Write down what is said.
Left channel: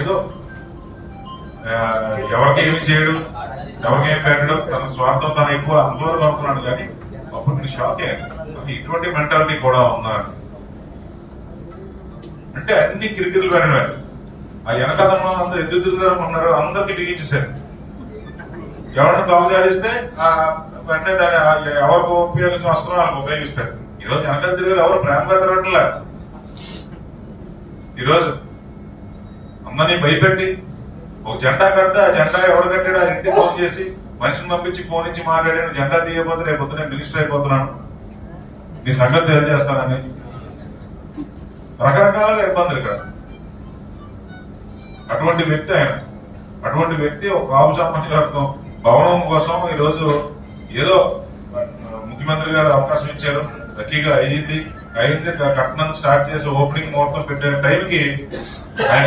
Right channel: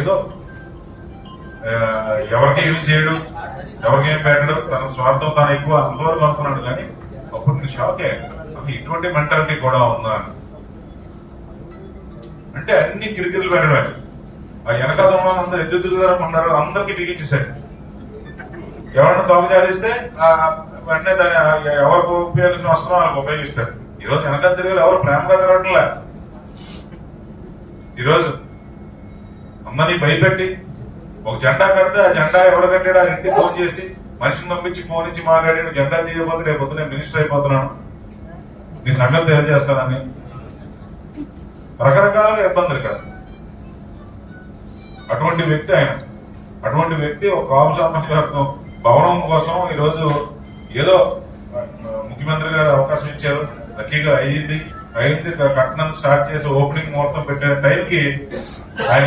ఏదో ఎవరికేమి చేయడు ఎవరికేం పెట్టడు తన స్వార్థం తను ఎక్కువ అంతవరకు అనుకున్నాడు కానీ అప్పుడు నేను షాక్. అయ్యాను ఇటువంటి మెంటాలిటీ కూడా ఉందా అంటే అన్ని కిరికిరులు పెట్టడమే. ఆ వెనకాలంలో అందరూ ఎదురు తిరుగుదారని ఉన్నారు అందరికి బిగించేశారు. ఎవరిని తోక జాడిస్తే ఆ వెంటనే దాన్ని ఎవరికి ఉపయోగించిన వస్త్రం వాళ్ళకి ఉపయోగిస్తాడు. ఈరోజు వెనకాల తిరిగి ఎవరు ప్రేమగా తిరగట్లే. ఈరోజు అమ్మని భయపెట్టి ఒక జెండా కడితే ఆ జెండా ఎవరు కట్టాడు? ఆ ఇంటికి ఫోన్ చేసి మనిషిని పంపించి ఫోన్ ఇచ్చి మాట్లాడాడు జెండా తీయకపోతే రేపు పొద్దున మినిస్టర్ అయిపోతున్నాను నీ సంగతి తెలియజేస్తానని రకరకాలుగా ఇబ్బందులు ఇక్కడ. అటువంటి వ్యక్తి ఆయన. అటువంటి వ్యక్తి ఒక బాబు వర్గం. భవనం కోసం ఈరోజు ఏదో ముఖ్యమంత్రి గారు అవకాశం ఇచ్చారు. లక్కీగా అయ్యింది. అయింది కట్నం స్టార్ట్ చేసి ఓపెనింగ్ ముహూర్తం పెట్టే టైంకి ఆయన